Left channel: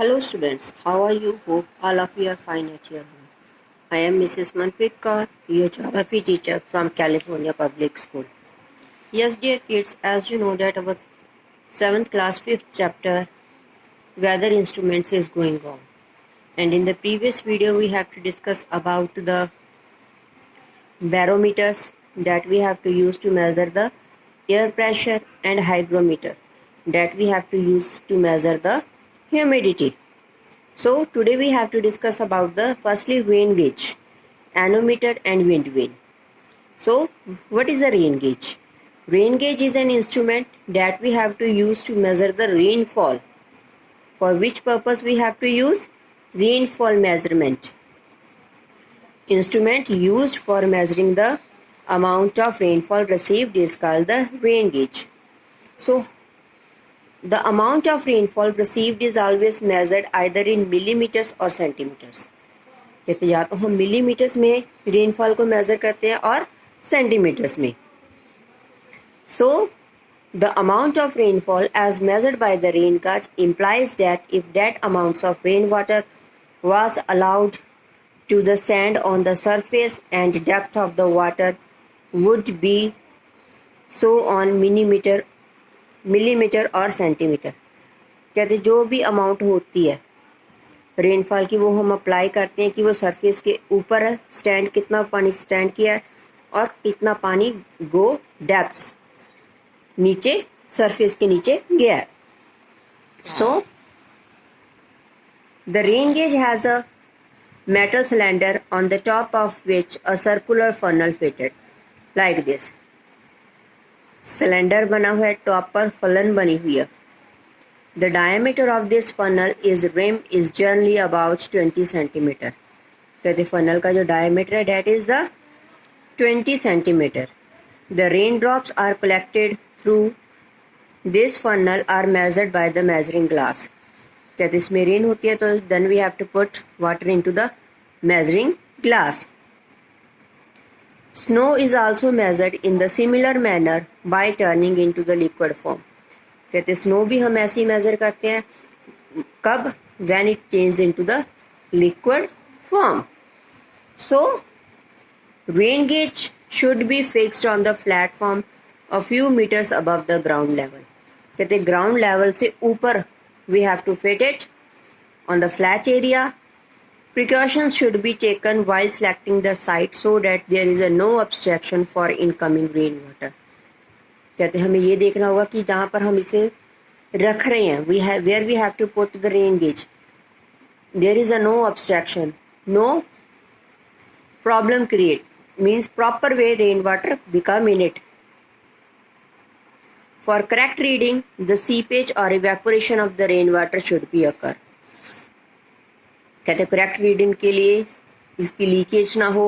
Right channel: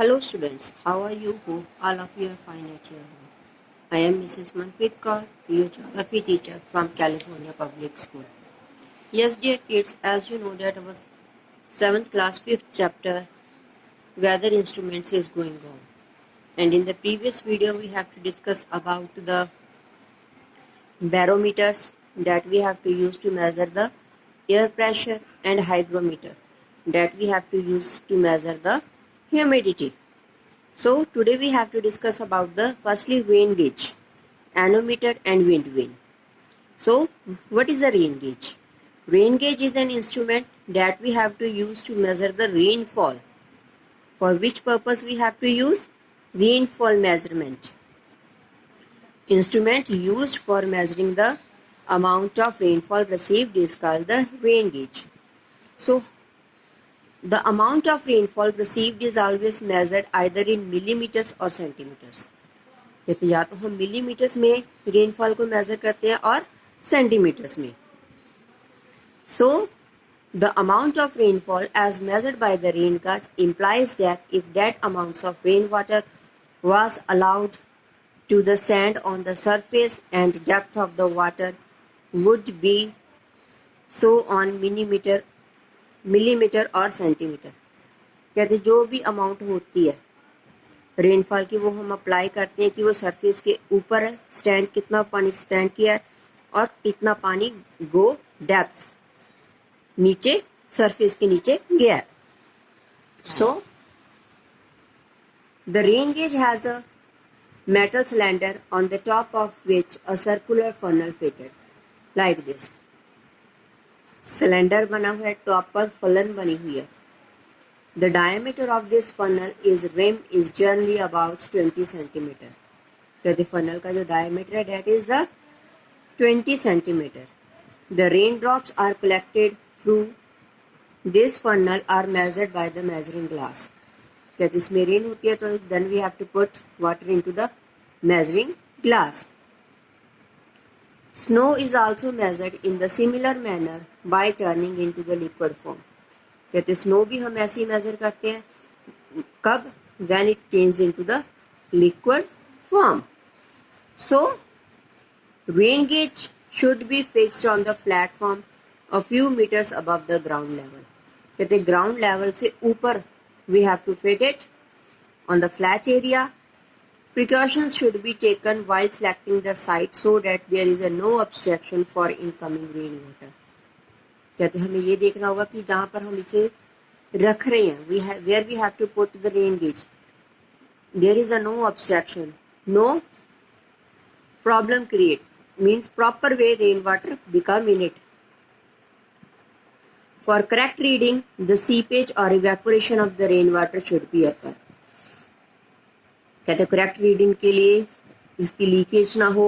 Hello students, how are you? Hope all of you are fine at your home. I am Mrs. Manpreet Kaur, your geography teacher from California Public School. Yes dear kids, as you know that our 7th class 5th chapter weather instruments is going on. And in the previous video we have to discuss about the barometers that we have to use to measure the air pressure and hygrometer that we have to use to measure the humidity. So today we have to discuss about the firstly rain gauge, anemometer and wind vane. So what is a rain gauge? Rain gauge is an instrument that we have to use to measure the rainfall. For which purpose we have to use? Rainfall measurement. Instrument used for measuring the amount of rainfall received is called the rain gauge. So the amount of rainfall received is always measured either in millimeters or centimeters. कहते या तो हम millimetres में rainfall को major करते हैं और centimetres में. So the amount of rainfall as measured by the rain gauge implies that if that amounts of rainwater was allowed to the sand on the surface and depth of the water would be so on millimetre और centimetre. कहते जो भी amount होती है rainfall की वो हम apply करते हैं कि वो सरफेस के ऊपर है, स्टैंड कितना पानी स्टैंड किया है और कितना पानी गो डेप्थ नीचे सरफेस के नीचे गया है. So the rain gauge has a metal cylinder on the top of which a circular funnel fitted like this. Cylinder बना हुआ है, टॉप पर फलन बनी हुई है. The diameter of this funnel is rim is generally about 20 centimetre. कहते funnel का जो डायमीटर है that is the 20 centimetre. The rain drops are collected through this funnel are measured by the measuring glass. कहते इसमें rain होती है तो then we have to put water into the measuring glass. Snow is also measured in the similar manner by turning into the liquid form. कहते snow भी हम ऐसे ही major करते हैं. कब? When it changes into the liquid form. So, rain gauge should be fixed on the platform a few meters above the ground level. कहते ground level से ऊपर we have to fit it on the flat area. Precautions should be taken while selecting the site so that there is a no obstruction for incoming rainwater. कहते हमें ये देखना होगा कि जहाँ पर हम इसे रख रहे हैं where we have to put the rain gauge there is a no obstruction, no problem create means proper way rainwater become in it. For correct reading, the seepage or evaporation of the rainwater should be occur. कहते correct reading के लिए इसकी leakage ना हो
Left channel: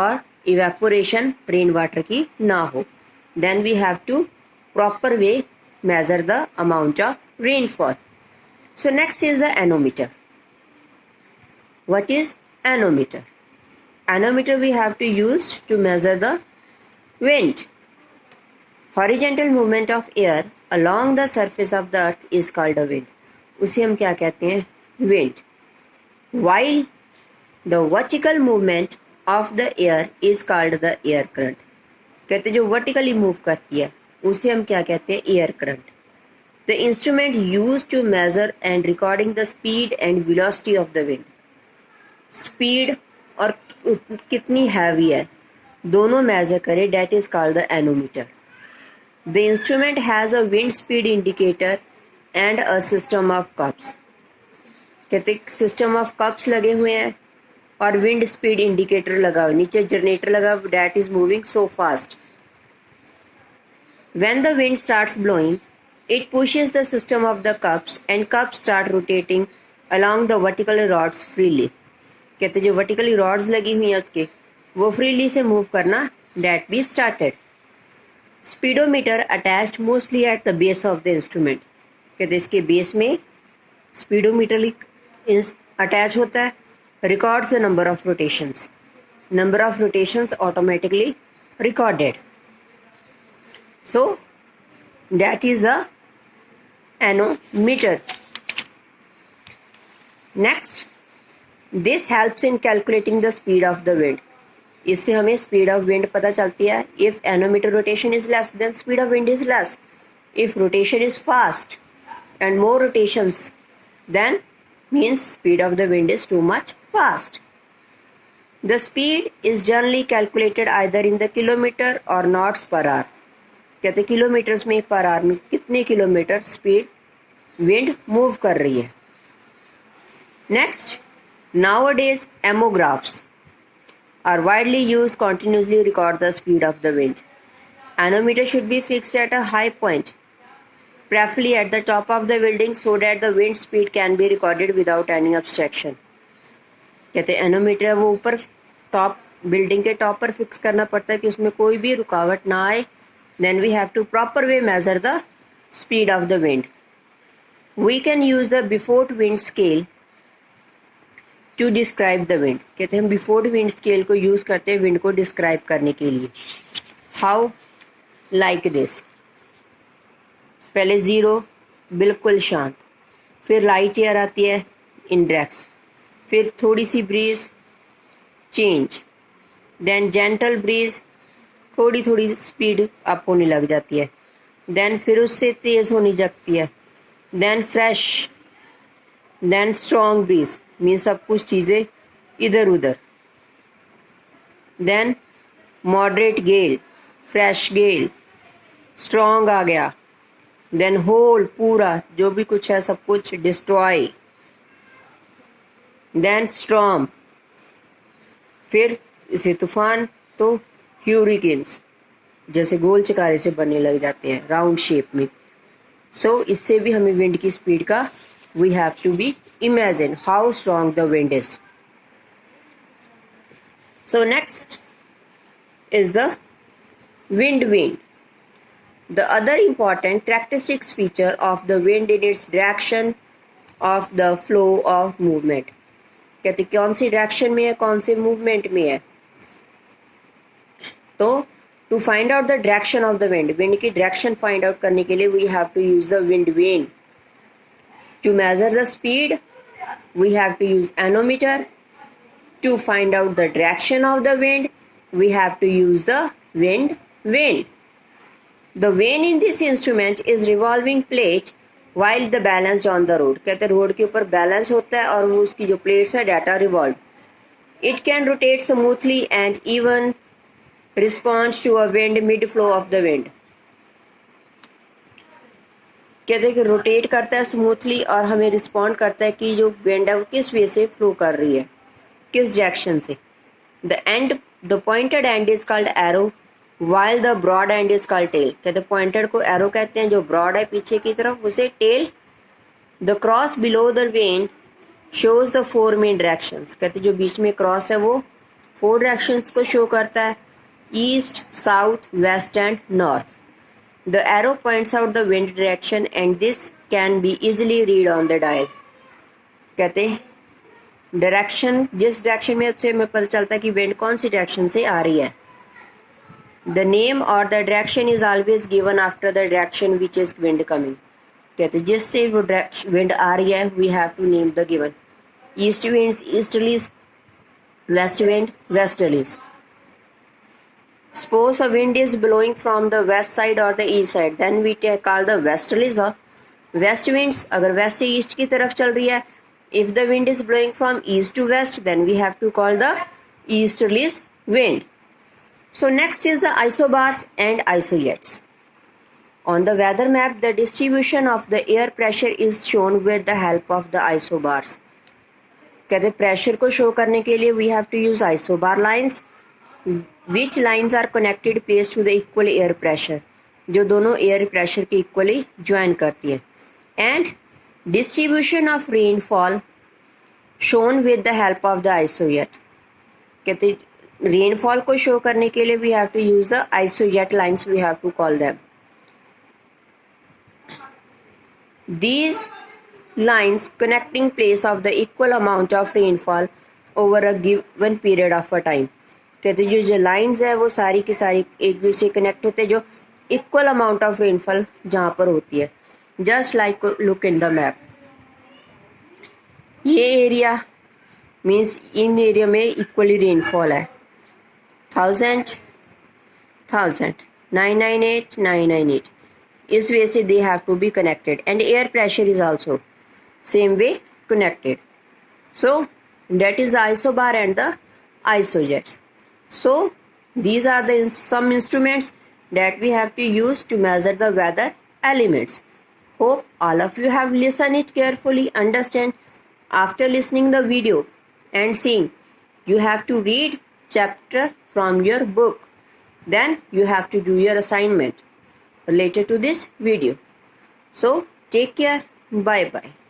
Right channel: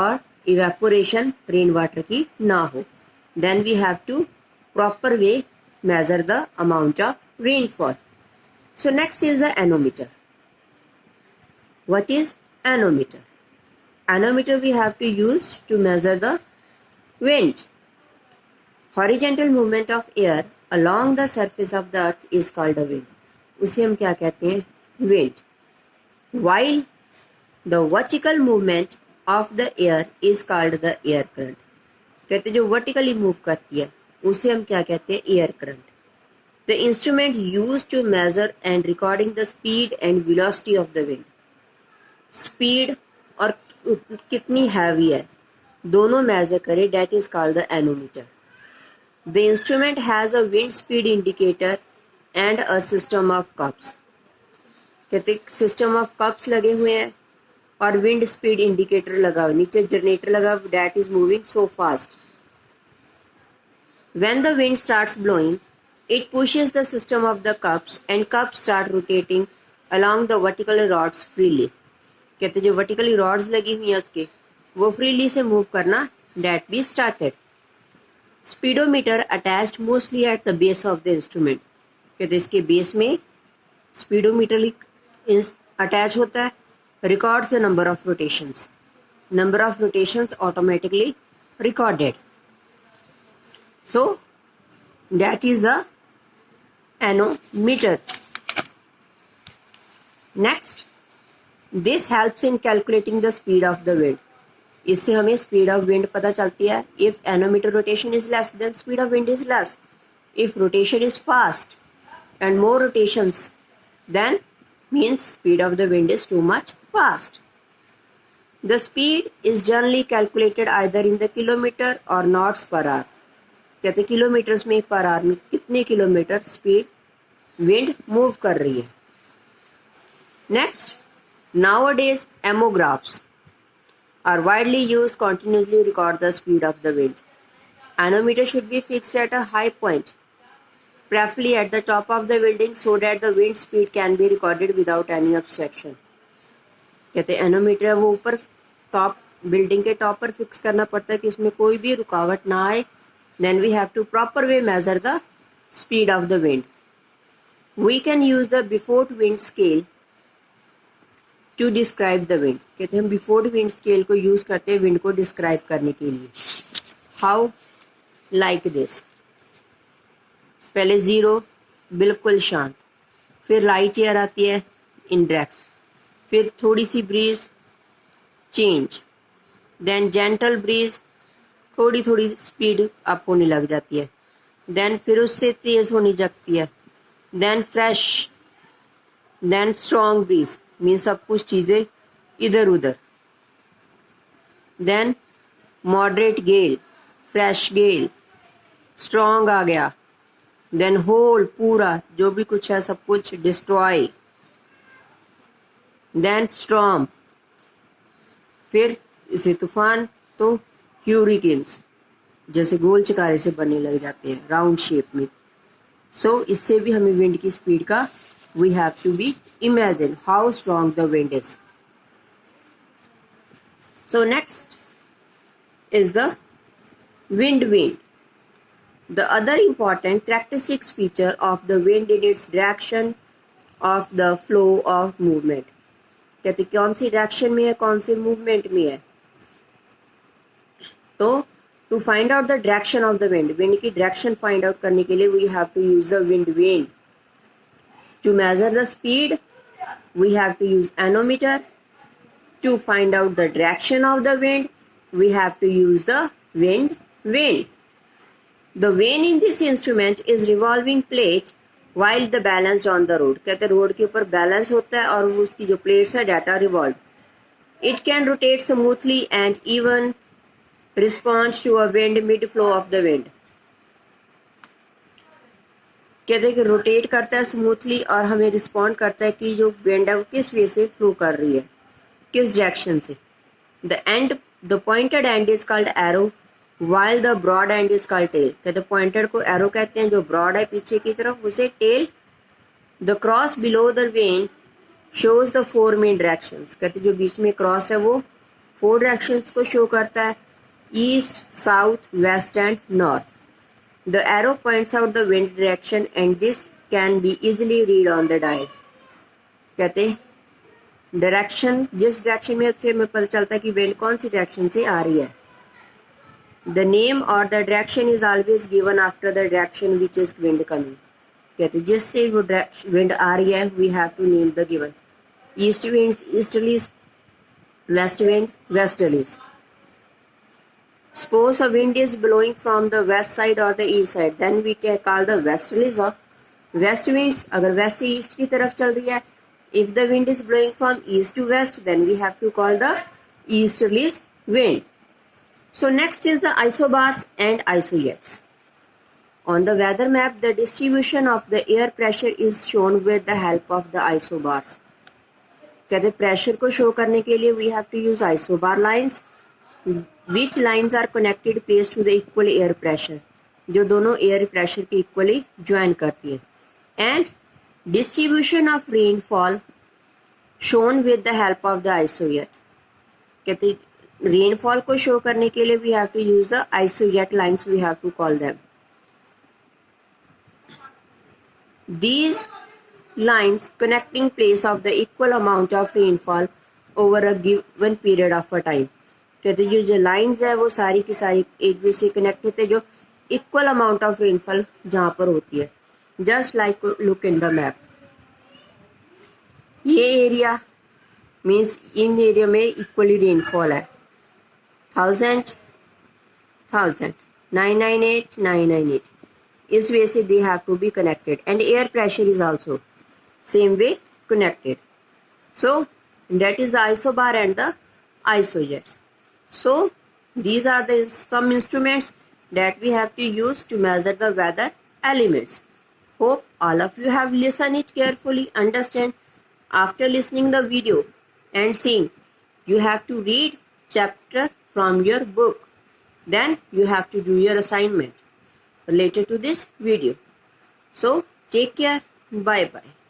और evaporation rain water की ना हो. Then we have to proper way measure the amount of rainfall. So next is the anemometer. What is anemometer? Anemometer we have to use to measure the wind. Horizontal movement of air along the surface of the earth is called a wind. उसे हम क्या कहते हैं? Wind. While the vertical movement of the air is called the air current. कहते जो vertically move करती है उसे हम क्या कहते हैं? air current. The instrument used to measure and recording the speed and velocity of the wind. Speed और कितनी heavy है दोनों measure करे that is called the anemometer. The instrument has a wind speed indicator and a system of cups. कहते system of cups लगे हुए हैं और विंड स्पीड इंडिकेटर लगा हुआ, नीचे जनरेटर लगा that is moving so fast. When the wind starts blowing it pushes the system of the cups and cups start rotating along the vertical rods freely. कहते जो वर्टिकली रॉड्स लगी हुई हैं उसके वो फ्रीली से मूव करना that be started. Speedometer attached mostly at the base of the instrument. कहते इसके बेस में स्पीडोमीटर अटैच होता है. Records the number of rotations automatically recorded. So that is the nanometre. Next, this helps in calculating the speed of the wind. इससे हमें speed of wind पता चलती है. If nanometre rotation is less than speed of wind is less. If rotation is fast and more rotations, then means speed of the wind is too much fast. The speed is generally calculated either in the kilometer or knots per hour. कहते kilometres में per hour में कितने kilometre speed wind move कर रही है. Next, nowadays amographs are widely used continuously record the speed of the wind. Anemometer should be fixed at a high point, preferably at the top of the building, so that the wind speed can be recorded without any obstruction. कहते हैं nanometre वो ऊपर top building के top पर fix करना पड़ता है कि उसमें कोई भी रुकावट ना आए. Then we have to proper way measure the speed of the wind. We can use the Beaufort wind scale to describe the wind. कहते हैं बिफोर विंड स्केल को यूज करते हैं विंड को डिस्क्राइब करने के लिए. हाउ? Like this. पहले 0 बिल्कुल शांत, फिर लाइट एयर आती है इंडेक्स, फिर थोड़ी सी breeze change, then gentle breeze थोड़ी थोड़ी स्पीड अप होने लग जाती है, देन फिर उससे तेज होने लगती है, then fresh, then strong breeze mean सब कुछ चीज़ें इधर उधर, then moderate gale, fresh gale, strong आ गया, देन होल पूरा जो भी कुछ है सब कुछ डिस्ट्रॉय, देन स्टॉर्म, फिर इसे तूफान तो ह्यूरिकेन्स जैसे गोल चकारे से बनने लग जाते हैं राउंड शेप में. सो इससे भी हमें विंड की स्पीड का we have to be imagine how strong the wind is. So next is the wind vane. The other important characteristics feature of the wind in its direction of the flow of movement. कहते कौन सी direction में है कौन से movement में है. तो to find out the direction of the wind, wind की डायरेक्शन फाइंड आउट करने के लिए we have to use the wind vane. To measure the speed we have to use anemometer. To find out the direction of the wind we have to use the wind vane. The vane in this instrument is revolving plate while the balance on the road. कहते road के ऊपर balance होता है और वो उसकी जो plates है data revolve. It can rotate smoothly and even respond to a wind mid flow of the wind. कहते कि रोटेट करता है स्मूथली और हमें रिस्पॉन्ड करता है कि जो विंड है वो किस वे से फ्लो कर रही है, किस डायरेक्शन से. The pointed end is called arrow while the broad end is called tail. कहते pointed को arrow कहते हैं, जो broad है पीछे की तरफ उसे tail. The cross below the vane shows the 4 main directions. कहते जो बीच में cross है वो 4 directions को show करता है, east, south, west and north. The arrow points out the wind direction and this can be easily read on the dial. कहते direction जिस डायरेक्शन में उससे हमें पता चलता है कि विंड कौन सी डायरेक्शन से आ रही है. द नेम और the direction is always given after the direction which is wind coming. कहते जिससे वो विंड आ रही है we have to name the given. East wind easterlies, west wind westerlies. Suppose a wind is blowing from the west side और the east side, then we call the westerlies और west winds. अगर west से east की तरफ चल रही है, if the wind is blowing from east to west, then we have to call the easterlies wind. So next is the isobars and isojets. On the weather map, the distribution of the air pressure is shown with the help of the isobars. कहते pressure को show करने के लिए we have to use isobar lines, which lines are connected placed to the equal air pressure, जो दोनों air pressure के equally join करती है. And distribution of rainfall shown with the help of the isojet. कहते rainfall को show करने के लिए we have to use the isojet lines, we have to call them. These lines connecting place of the equal amount of rainfall over a given period of a time. कहते जो lines है वो सारी की सारी एक दूसरे कनेक्ट होते हैं जो इक्वल अमाउंट ऑफ रेनफॉल जहाँ पर होती है. Just like look in the map. ये एरिया मीन्स इन एरिया में इक्वली रेनफॉल है 1000 1000 998 998 इस वे से they have to be connected and air pressure is also same way connected. So that is the isobar and the isojets. So these are the some instruments that we have to use to measure the weather elements. Hope all of you have listened it carefully, understand. After listening the video and seeing, you have to read chapter from your book. Then you have to do your assignment related to this video. So take care. Bye bye.